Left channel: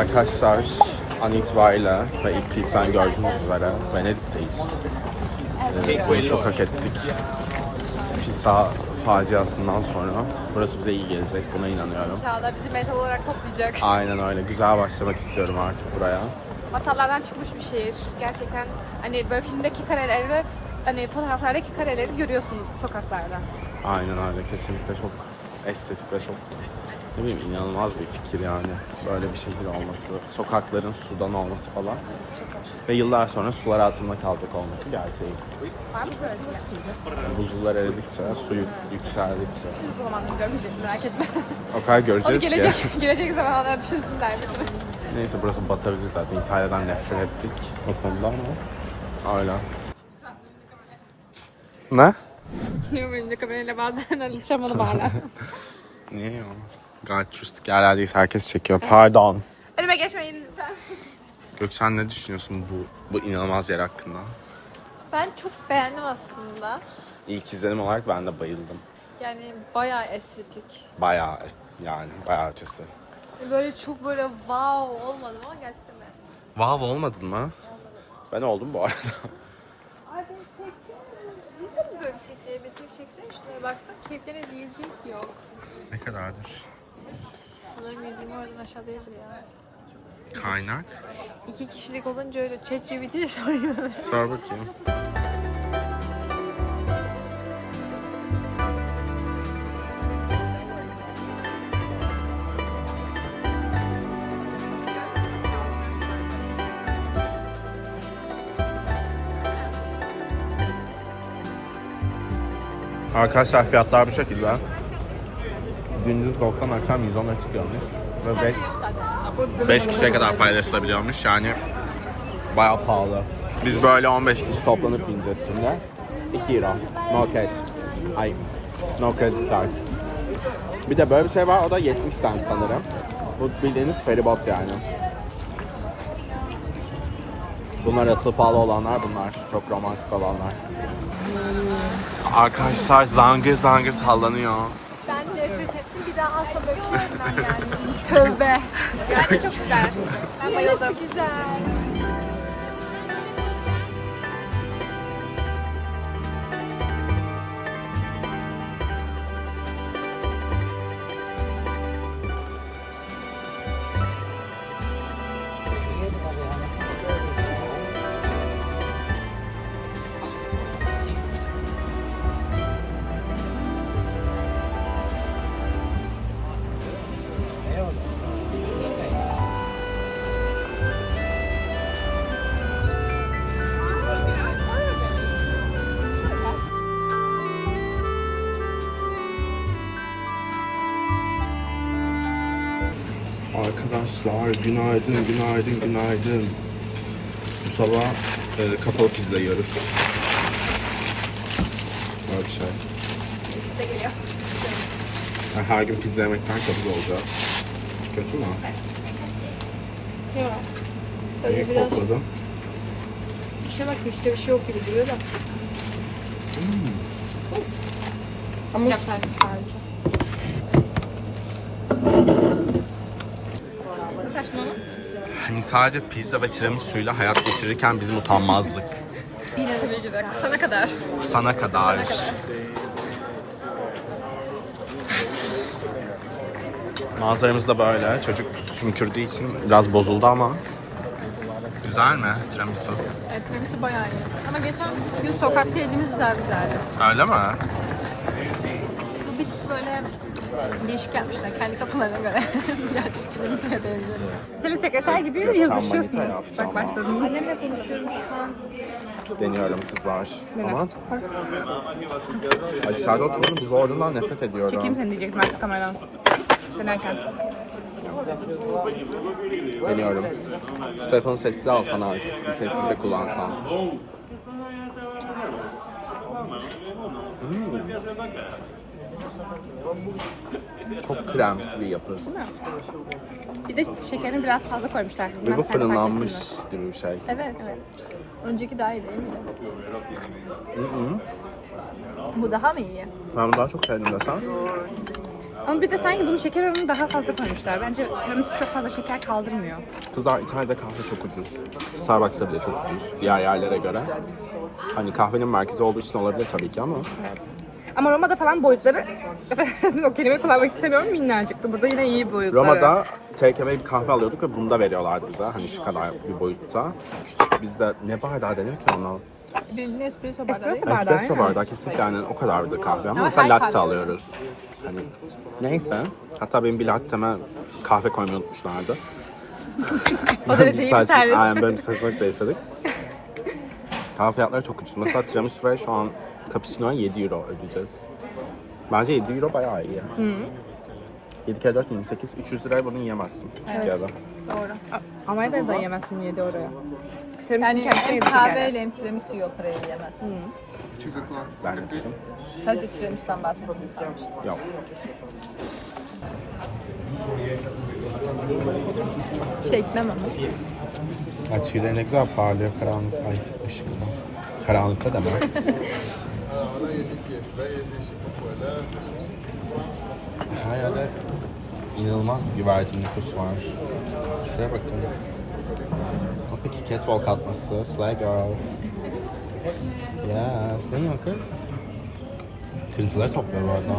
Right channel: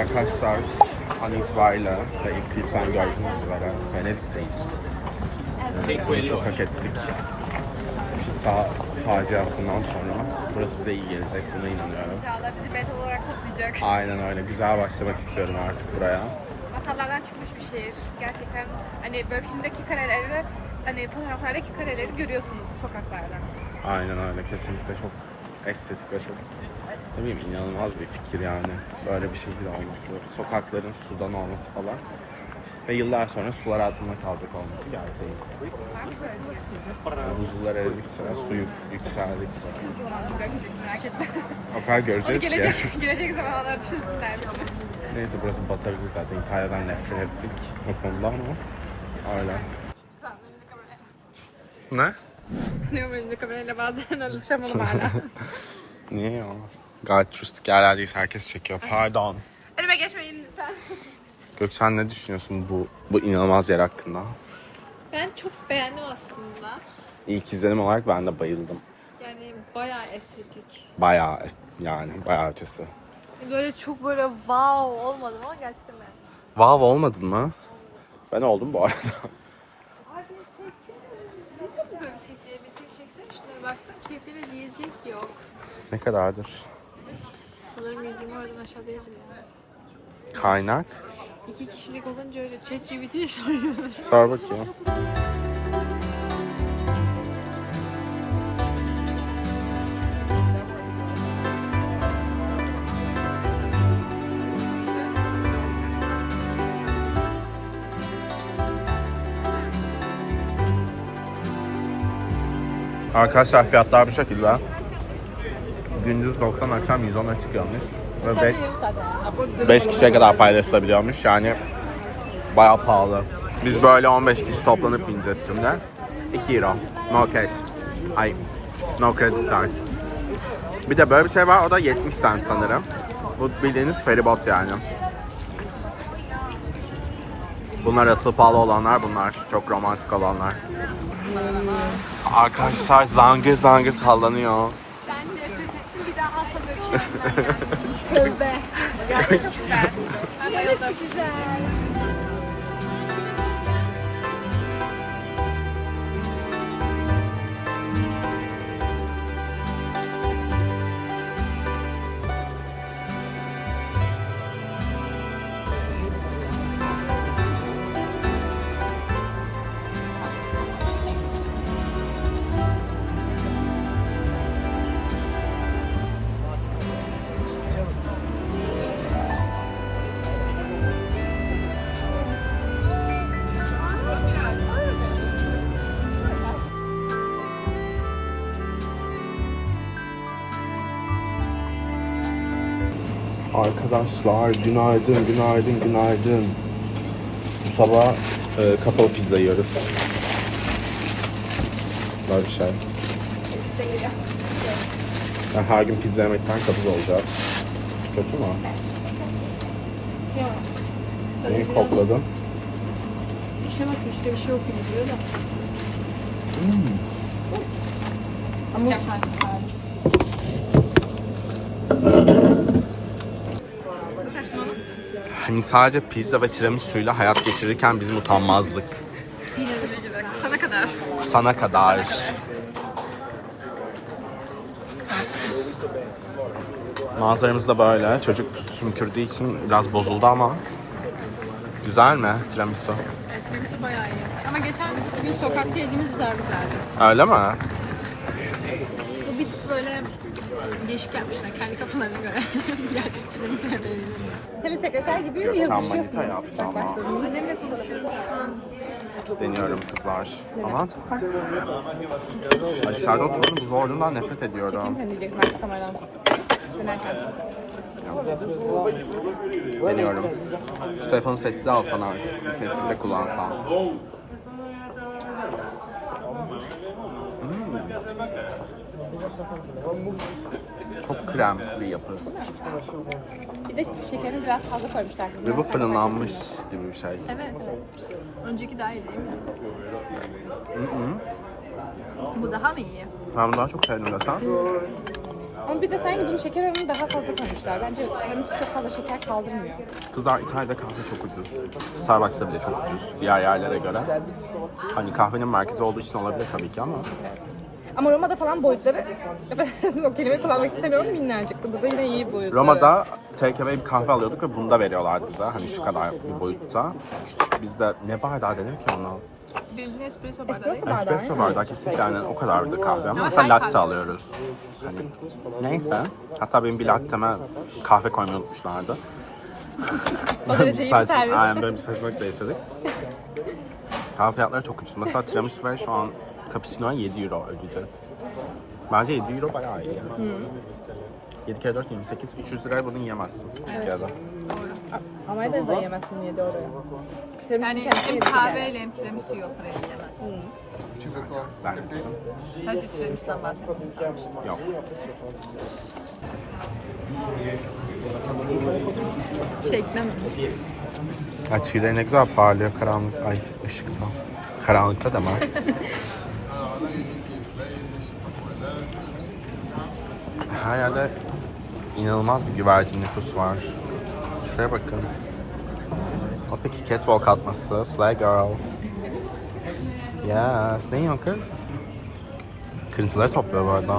Arkadaşlar an itibariyle ve ilk klipten gördüğünüz üzere Venedik'teyiz. Ee, bunu çok hak ettik. Pisa faciasından sonra burası bize iyi gelecek buna inanıyorum. İnşallah bizi metal olarak toplayacak. Aynen öyle. Güzel başlamak istiyorum artık buraya. Masallardan çıkmış bir şehir. Gerçekten hani böyle filmdeki kareleri hani fotoğraflardaki kareleri görüyorsunuz sokaklarda. Aynen öyle. Kesinlikle çok estetik ve çok ne bileyim inanılmaz bir fikir yani. Böyle bir şehir olması, sokakların sudan olması falan. Ve yıllar sonra sular altında kalacak olması gerçeği. Şey? Buzullar eridikçe, su yük- yükseldikçe. O zaman görmeyeceğiz merak etme. O kadar Onu göreceğiz gelecek, ki. gelecek zamanlar düşünsünler bir onu. Neyse burası batırıcı zaten. İtalya'dan nefret ettik o konuda ama öyle. Ne? Tanıyorum elinde kamerayla bazen alışamadım hala. Niye ya? Gayet turistik yerlerdeyiz. Herkes çekiyor. Pardon. Önüme geçmeyin lütfen. Gökçen ne düşünüyorsun bu bu inanılmaz yer hakkında? Ben çok beğendim aslında. İlk izlenim olarak ben de bayıldım. Yani bayağı estetik. Bayağı yani bayağı ötesi. Böyle çok böyle wow olmadım ama gerçekten. Wow olmadın mı? Ben oldum bu arada. Ay ben çeksene. Biz de mi böyle çekleyebilsek çeksene şuraya baksana. Keyiflerine diyecek yok. ne kadardır? Sanırım 120 oradan aşağı değildir ya. Kaynak. İki kişilik olunca öyle tek gibi değil soruyor. Sor bakayım. Arkadaşlar fiyatlar bu şekilde. Gündüz 90 akşam 110'a çıkıyormuş. Ve 5 kişiye kadar paylaşılabiliyormuş yani bayağı pahalı. Biz böyle 15 kişi toplanıp ineceğiz şimdi. 2 euro. No cash. Ay. No credit card. Bir de böyle bir şey var o da 70 cent sanırım. Bu bildiğiniz feribot yani. Bunlar asıl pahalı olanlar bunlar. Çok romantik olanlar. Arkadaşlar zangır zangır sallanıyor. Ettim bir daha asla böyle bir şey yapmam. Tövbe. Yani çok güzel. Bayıldım. güzel. Arkadaşlar günaydın, günaydın, günaydın. Bu sabah e, kapalı pizza yiyoruz. Böyle bir şey. Geliyor. Ben her gün pizza yemekten kabul olacak. Kötü mü? Yok. Niye kokladın? İşe bak işte bir şey yok gibi duruyor da. Ama servis sadece. Saçmalama. Hani sadece pizza ve tiramisu'yla hayat geçirirken bizim utanmazlık. Sana kadar. Sana kadar. Manzaramız da böyle. Çocuk sümkürdüğü için biraz bozuldu ama. Güzel mi tiramisu? Evet benimki bayağı iyi. Ama geçen gün sokakta yediğimiz daha güzeldi. Öyle mi? Bir tık böyle değişik yapmışlar kendi kafalarına göre. Gerçekten benimkine benzemiyor. Telesekreter gibi Gökçen manita yaptı ama. Annemle konuşuyorum şu an. Deniyorum kızlar. Aman tanrım. Ay dışarıda oturmanın bu zorluğundan nefret ediyorum. Kim diyecek ben kameradan? Dönerken. Deniyorum. Şu telefonu sessiz alsan artık. Bir sessiz de kullansan. Kremsi bir yapı. Bir de şekerini biraz fazla koymuşlar. Ve bu fırınlanmış gibi bir şey. Evet. Önceki daha iyi değil mi? Hı hı. Bu daha mı iyi? Ben daha çok sevdim desem. Ama bir de sanki bunun şeker oranını daha fazla koymuşlar. Bence tiramisu çok fazla şeker kaldırmıyor. Kızlar İtalya'da kahve çok ucuz. Starbucks'ta bile çok ucuz diğer yerlere göre. Hani kahvenin merkezi olduğu için olabilir tabii ki ama Ama Roma'da falan boyutları, o kelime kullanmak istemiyorum minnacıktı. Burada yine iyi boyutları. Roma'da away bir kahve alıyorduk ve bunda veriyorlardı bize. Hani şu kadar bir boyutta. Küçük bizde ne bardağı denir ki ona? Bildiğin espresso bardağı. Espresso bardağı. Espresso bardağı kesinlikle yani o kadardı kahve ama mesela latte alıyoruz. Hani neyse. Hatta benim bir latteme kahve koymayı unutmuşlardı. Böyle bir saçma, aynen böyle bir saçmalık da yaşadık. Kahve fiyatları çok ucuz. Mesela tiramisu ve şu an cappuccino'ya 7 euro ödeyeceğiz. Bence 7 euro bayağı iyi ya. 7 kere 4 28. 300 liraya bunu yiyemezsin Türkiye'de. Almanya'da da yemezsin 7 oraya. Yani hem kahveyle hem tiramisu yok parayı yiyemezsin. Zaten ben de dedim. Sadece tiramisu'dan bahsediyorsun sanmıştım. Yok. Çeklemem. Ay tüyleri ne güzel parlıyor karanlık. Ay ışıkta. Karanlıkta da var. Her yerde inanılmaz bir güvercin nüfus var. Şuraya bakın. O peki catwalk atması. Slay girl. Yes. Ne yiyorsun kız? Kırıntıları topluyor bu arada.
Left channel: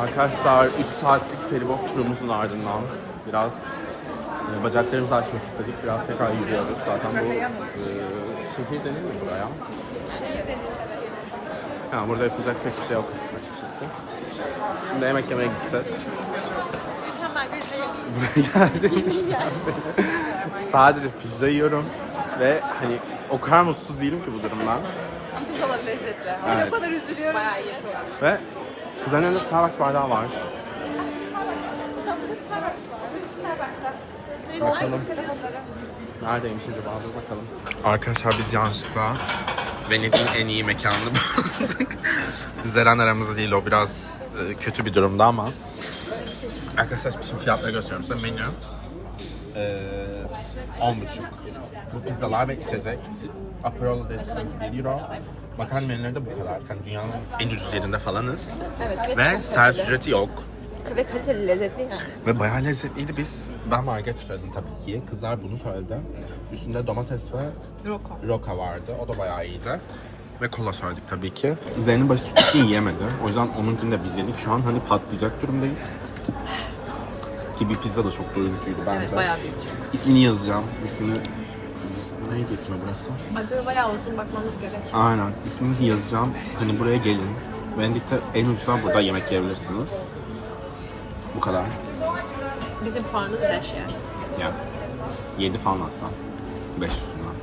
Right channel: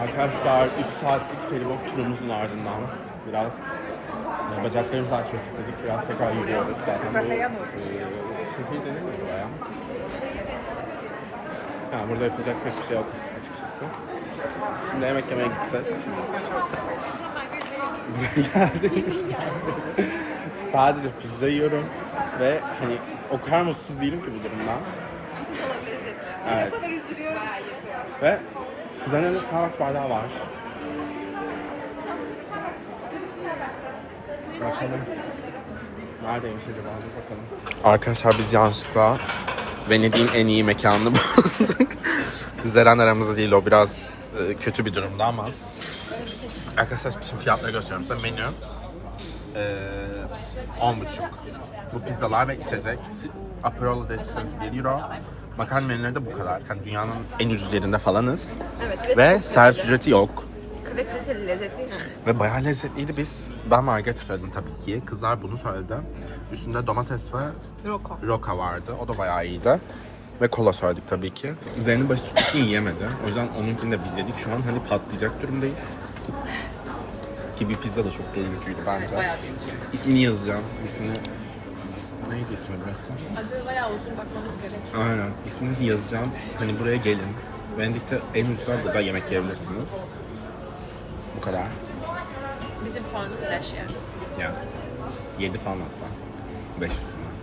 Arkadaşlar 3 saatlik feribot turumuzun ardından biraz e, bacaklarımızı açmak istedik. Biraz tekrar yürüyoruz. Zaten bu e, şehir denir mi buraya? Ha, burada yapılacak pek bir şey yok açıkçası. Şimdi yemek yemeye gideceğiz. Buraya geldiğimizden beri sadece pizza yiyorum ve hani o kadar mutsuz değilim ki bu durumdan. Pizzalar lezzetli. Evet. O kadar üzülüyorum. Bayağı iyi. Ve kızların elinde Starbucks bardağı var. Bakalım. Neredeymiş acaba? Dur bakalım. Arkadaşlar biz yanlışlıkla Venedik'in en iyi mekanını bulduk. Zeren aramızda değil o biraz e, kötü bir durumda ama. Arkadaşlar şimdi fiyatları gösteriyorum size. Menü e, 10,5. Bu pizzalar ve içecek. Aperol Destiniz 1 euro. Makarna menüleri de bu kadar. Yani dünyanın en ucuz yerinde falanız. Evet. Ve servis ücreti yok. Ve kaliteli lezzetli. Ve bayağı lezzetliydi. Biz, ben margarita söyledim tabii ki. Kızlar bunu söyledi. Üstünde domates ve Roka. roka vardı. O da bayağı iyiydi. Ve kola söyledik tabii ki. Zeynep başı için yiyemedi. O yüzden onunkini de biz yedik. Şu an hani patlayacak durumdayız. Ki bir pizza da çok doyurucuydu bence. Bayağı büyük. İsmini yazacağım. İsmini... Neydi ismi burası? Acaba bayağı uzun bakmamız gerek. Aynen. İsminizi yazacağım. Hani buraya gelin. Venedik'te en ucuzdan burada yemek yiyebilirsiniz. Bu kadar. Bizim puanımız 5 yani. Yani 7 falan hatta. 5 üstünden.